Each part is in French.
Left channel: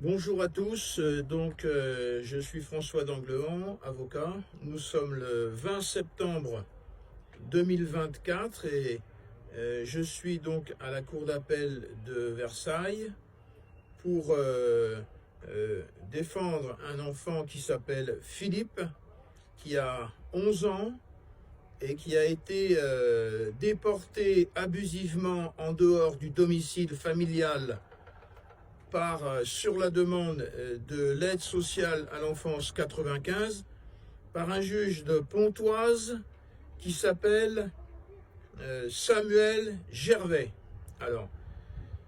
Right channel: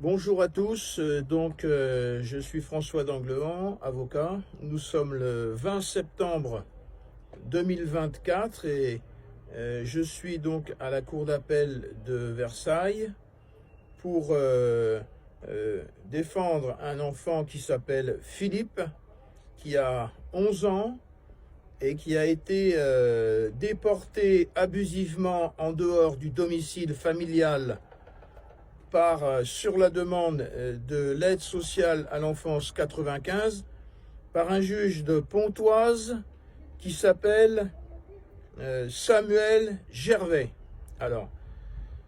Bonjour à tous, je suis François d'Anglehan, avocat. Nous sommes le 20 septembre 2024 et je suis donc à la cour d'appel de Versailles pour défendre un enfant qui s'appelle Philippe, qui a 11 ans et qui a été déporté abusivement en dehors du domicile familial sur la demande de l'aide sociale à l'enfance 95 par un juge de Pontoise qui s'appelle Samuel Gervais. Alors,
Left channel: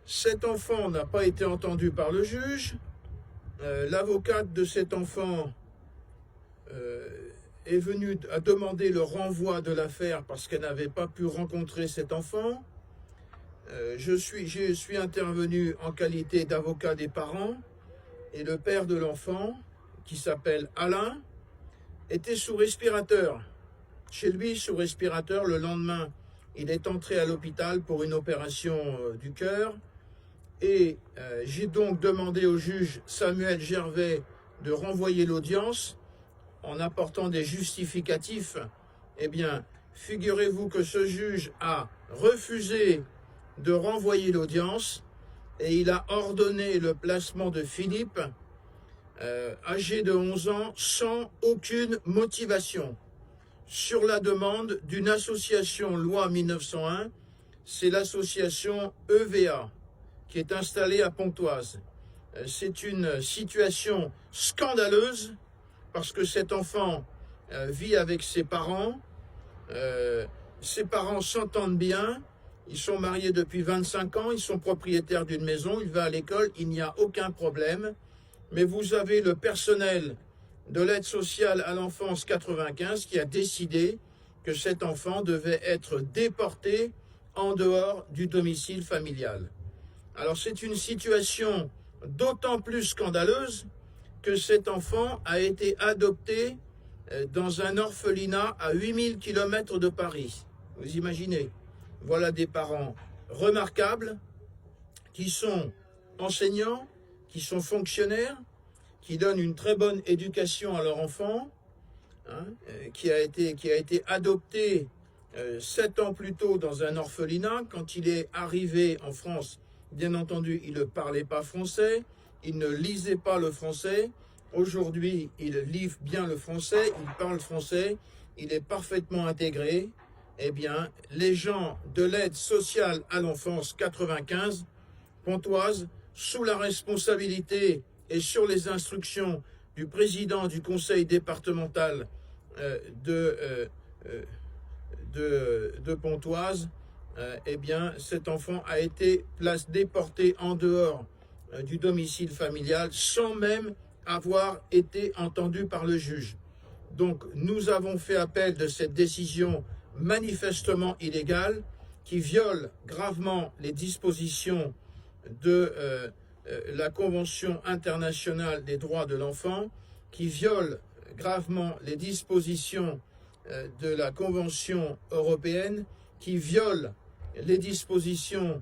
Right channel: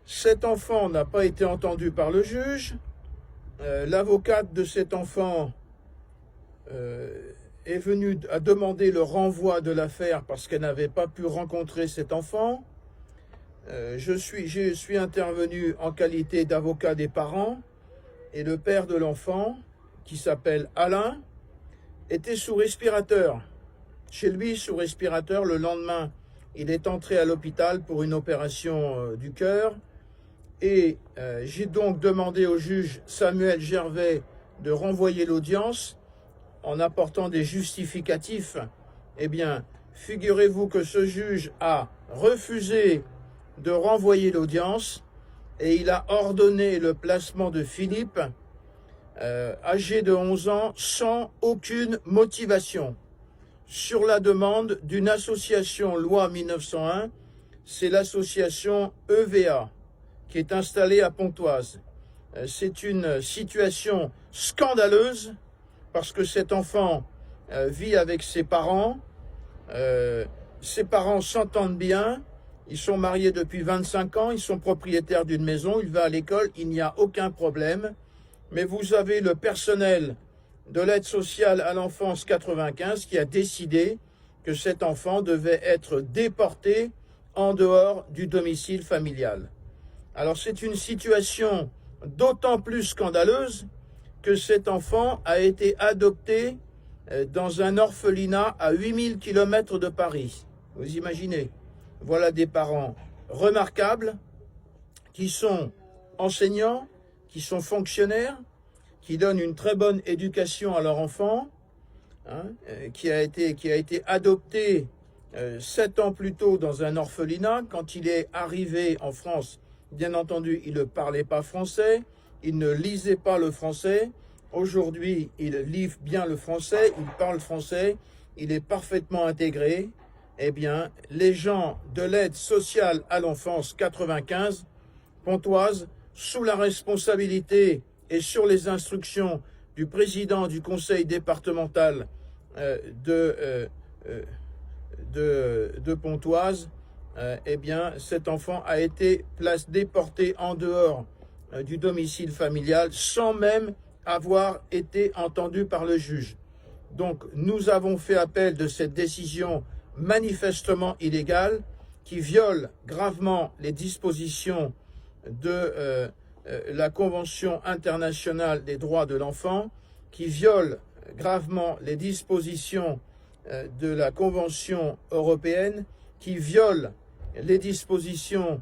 cet enfant n'a pas été entendu par le juge. L'avocate de cet enfant est venue à demander le renvoi de l'affaire parce qu'elle n'avait pas pu rencontrer cet enfant. Je suis intervenu en qualité d'avocat des parents et le père de l'enfant, qui s'appelle Alain, était sous respirateur. Chez lui, sous respirateur, le lendemain, il est entré à l'hôpital pour une opération du cœur. Et j'ai donc demandé au juge Samuel Gervais de renvoyer l'audience en apportant des justificatifs. Eh bien, figurez-vous que ce juge a refusé de renvoyer l'audience et il a ordonné le placement de Philippe, âgé de 11 ans, sans aucune motivation, sur la demande d'une association loi 1901, c'est l'association EVA, qui est installée à Pontoise. C'est une situation scandaleuse parce que cet enfant vit avec ses parents s'entendent bien. Ils sont mariés depuis 25 ans, ils sont propriétaires d'une maison, il va à l'école, il n'y a aucun problème. Mais vous avez le personnel de l'aide sociale à l'enfance 95 qui a décidé que cet enfant devait être déporté en dehors du domicile familial. Alors c'est une situation d'autant plus scandaleuse que cet enfant a été adopté dans un orphelinat à 8000 km de Paris. Vous imaginez ? Voilà des parents remarquables qui sont enseignants, qui sont fonctionnaires, qui donnent une très bonne éducation à leur enfant, qui a été adopté 7 ans plus tôt dans un orphelinat. Quand il est arrivé en France, bien entendu, il ne parlait pas français, il ne lisait pas le français. Aujourd'hui, il lit bien le français, il parle français, il est parfaitement intégré. Eh bien, les gens de l'aide sociale à l'enfance 95, Pontoise, sous la responsabilité et sur les instructions du président du conseil départemental de Pontoise, eh bien, cet enfant a été déporté en dehors du domicile familial sans même avoir été entendu par le juge. Donc, nous avons fait appel de cette décision manifestement illégale qui viole gravement les dispositions de la Convention internationale des droits de l'enfant, qui viole gravement les dispositions de la Convention européenne, qui viole les dispositions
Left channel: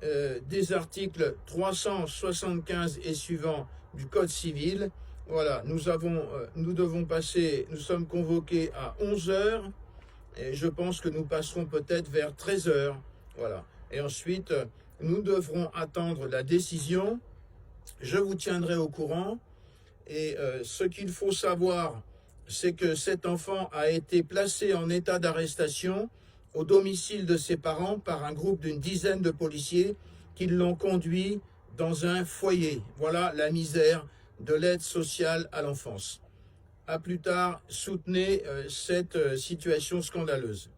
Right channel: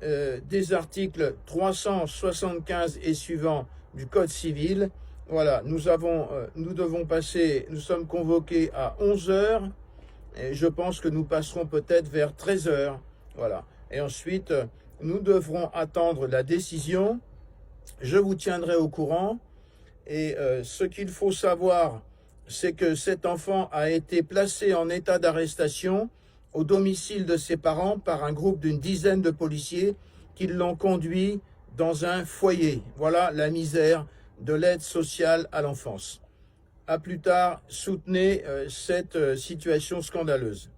des articles 375 et suivants du Code civil. Voilà, nous sommes convoqués à 11 heures. Et je pense que nous passerons peut-être vers 13 heures. Voilà. Et ensuite, nous devrons attendre la décision. Je vous tiendrai au courant. Et ce qu'il faut savoir, c'est que cet enfant a été placé en état d'arrestation au domicile de ses parents par un groupe d'une dizaine de policiers qui l'ont conduit dans un foyer. Voilà la misère de l'aide sociale à l'enfance. À plus tard, soutenez cette situation scandaleuse.